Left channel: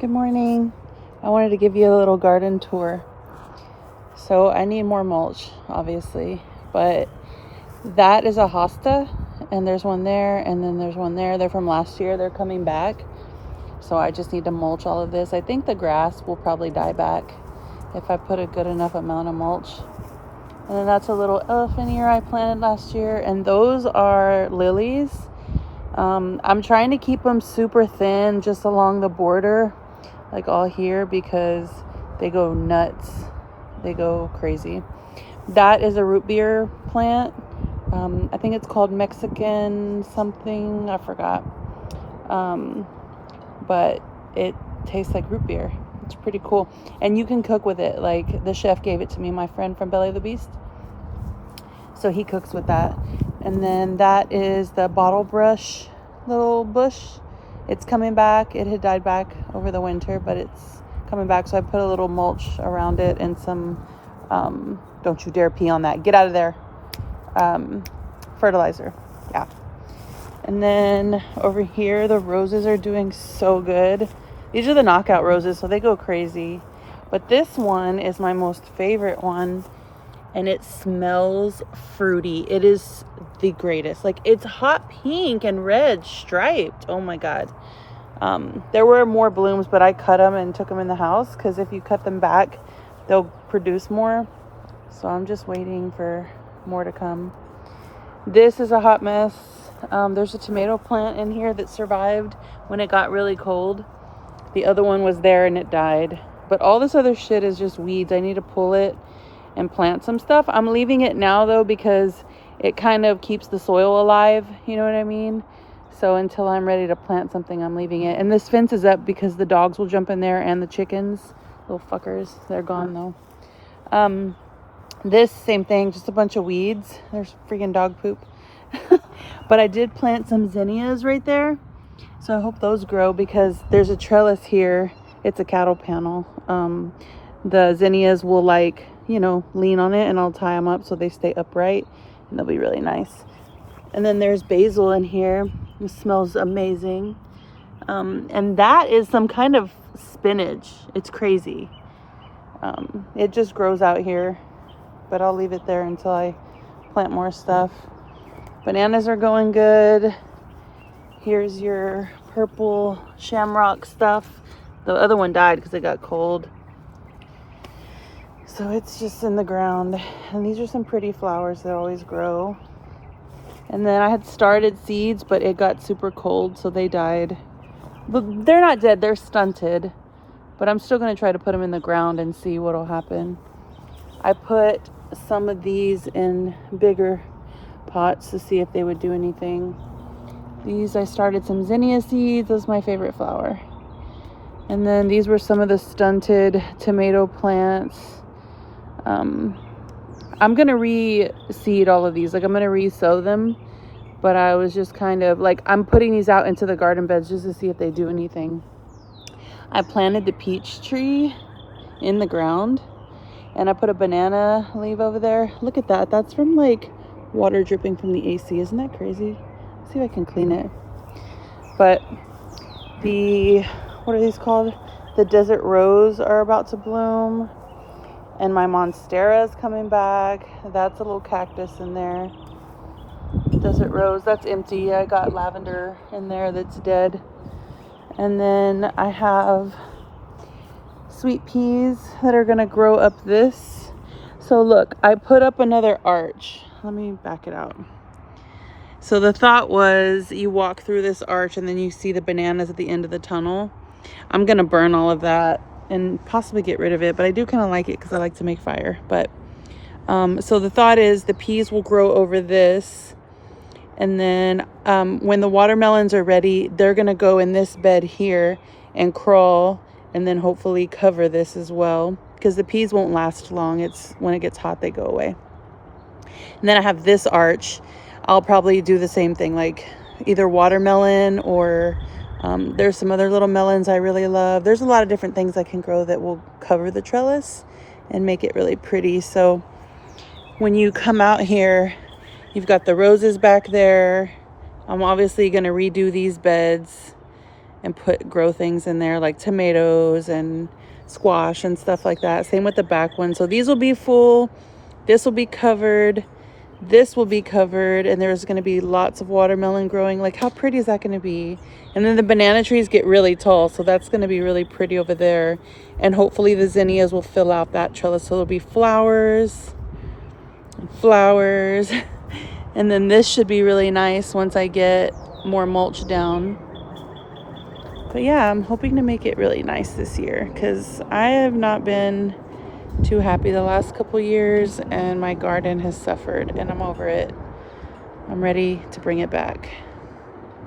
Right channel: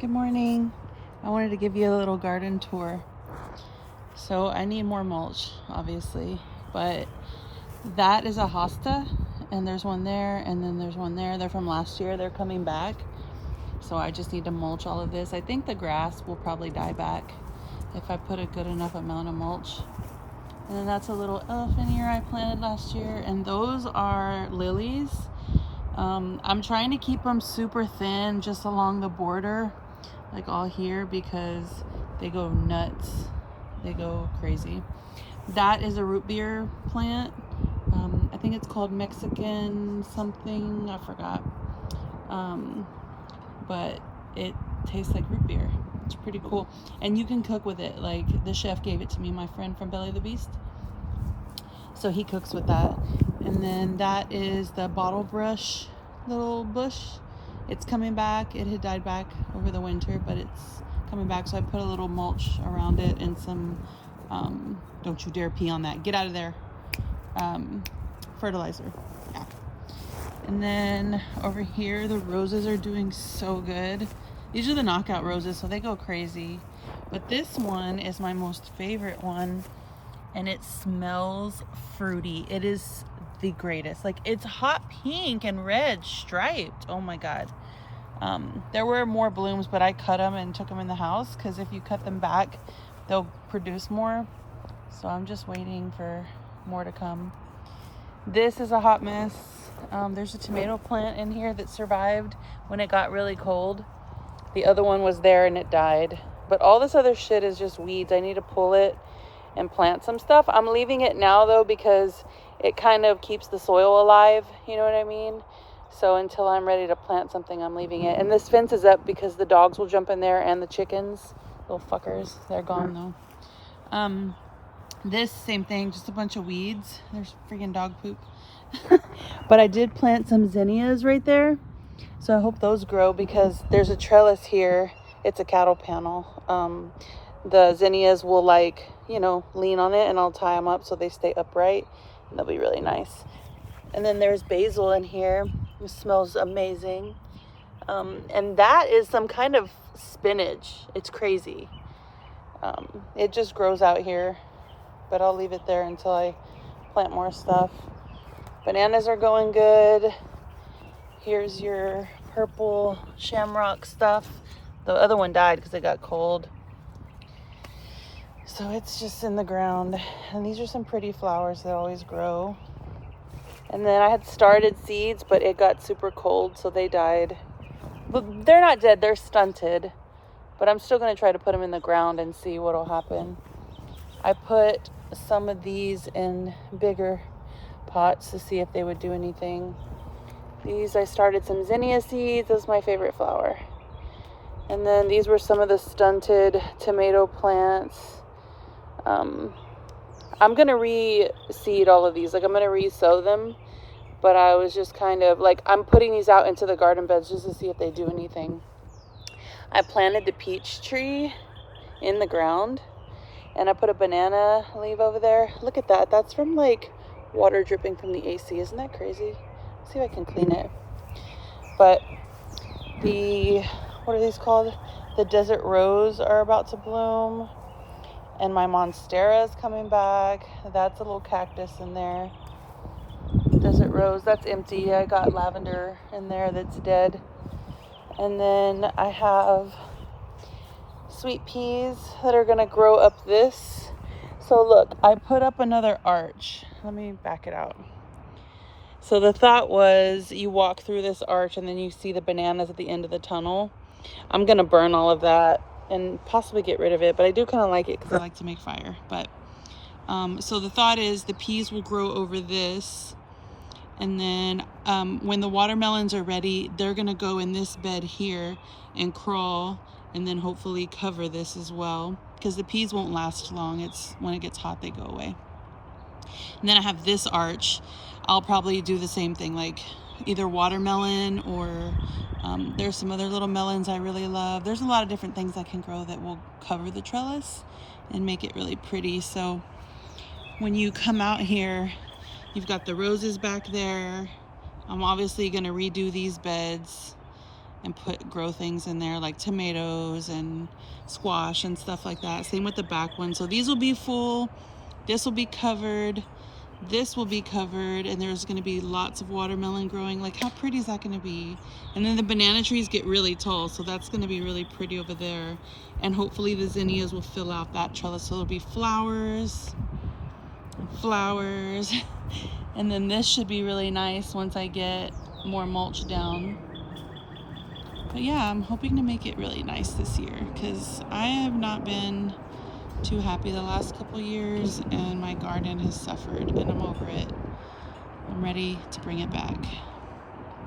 Good morning. I wanted to give you a little garden tour. So I need more mulch, obviously, but that is a hosta, and there's one there, and then there's one there. They're from last year. They're coming back. So I just need to mulch all of this. I think the grass will probably die back if I put a good enough amount of mulch. And then that's a little elephant ear I planted last year, and those are lilies. I'm trying to keep them super thin just along the border, like all here, because they go nuts. They go crazy. That is a root beer plant. I think it's called Mexican something. I forgot. But it tastes like root beer. It's pretty cool. And you can cook with it. Like the chef gave it to me, my friend from Belly of the Beast. So he cooks with that. And then that is the bottle brush little bush. It's coming back. It had died back over the winter, but it's coming back. So I put a little mulch around it and some, don't you dare pee on that. Get out of there. Fertilizer. Yeah. And then over here, the roses are doing so good. These are the knockout roses, so they go crazy. But this one is my most favorite one. And it smells fruity. It is the greatest. Like, it's hot pink and red striped. Oh my God. There were more blooms, but I cut them and took them in the house, because if you cut them back, they'll produce more. So I'm just waiting for more to come. This is a hot mess. There's a tomato plant in here that survived when it got really cold. The other one was there and it died. But all this other shit is just weeds. I need to pull it and plant some stuff. I'm leaving it now though, because it kind of keeps the soil alive, you know what I mean? So until I'm ready to plant something, I'm leaving it. And this fence is up because the dogs will jump in there, and the chickens, little fuckers. They're gone though. This same thing, just a bunch of weeds. There's freaking dog poop. But I did plant some zinnias right there, so I hope those grow, because there's a trellis here. It's a cattle panel. The zinnias will, like, you know, lean on it, and I'll tie them up so they stay upright, and they'll be really nice. And then there's basil in here. It smells amazing. And that is some kind of spinach. It's crazy. It just grows out here, but I'll leave it there until I plant more stuff. Bananas are going good. Here's your purple shamrock stuff. The other one died because it got cold. So it's just in the ground. And these are some pretty flowers that always grow. And then I had started seeds, but it got super cold, so they died. But they're not dead, they're stunted. But I'm still gonna try to put them in the ground and see what'll happen. I put some of these in bigger pots to see if they would do anything. These, I started some zinnia seeds. That's my favorite flower. And then these were some of the stunted tomato plants. I'm gonna reseed all of these. Like, I'm gonna re-sow them, but I was just kind of like, I'm putting these out into the garden beds just to see if they do anything. I planted the peach tree in the ground, and I put a banana leaf over there. Look at that. That's from, like, water dripping from the AC. Isn't that crazy? Let's see if I can clean it. But the, what are these called? The desert rose are about to bloom. And my monstera is coming back. That's a little cactus in there. Desert rose, that's empty. I got lavender in there that's dead. And then I have sweet peas that are gonna grow up this. So look, I put up another arch. Let me back it out. So the thought was, you walk through this arch and then you see the bananas at the end of the tunnel. I'm gonna burn all of that and possibly get rid of it, but I do kind of like it because I like to make fire. But so the thought is the peas will grow over this, and then when the watermelons are ready, they're gonna go in this bed here and crawl, and then hopefully cover this as well, because the peas won't last long. It's when it gets hot they go away. And then I have this arch. I'll probably do the same thing, like either watermelon or there's some other little melons I really love. There's a lot of different things I can grow that will cover the trellis and make it really pretty. So when you come out here, you've got the roses back there. I'm obviously going to redo these beds. and grow things in there like tomatoes and squash and stuff like that. Same with the back one. So these will be full. This will be covered. This will be covered, and there's going to be lots of watermelon growing. Like, how pretty is that going to be? And then the banana trees get really tall, so that's going to be really pretty over there. And hopefully the zinnias will fill out that trellis, so there'll be flowers and flowers. And then this should be really nice once I get more mulch down. But yeah, I'm hoping to make it really nice this year, because I have not been too happy the last couple years, and my garden has suffered, and I'm over it. I'm ready to bring it back.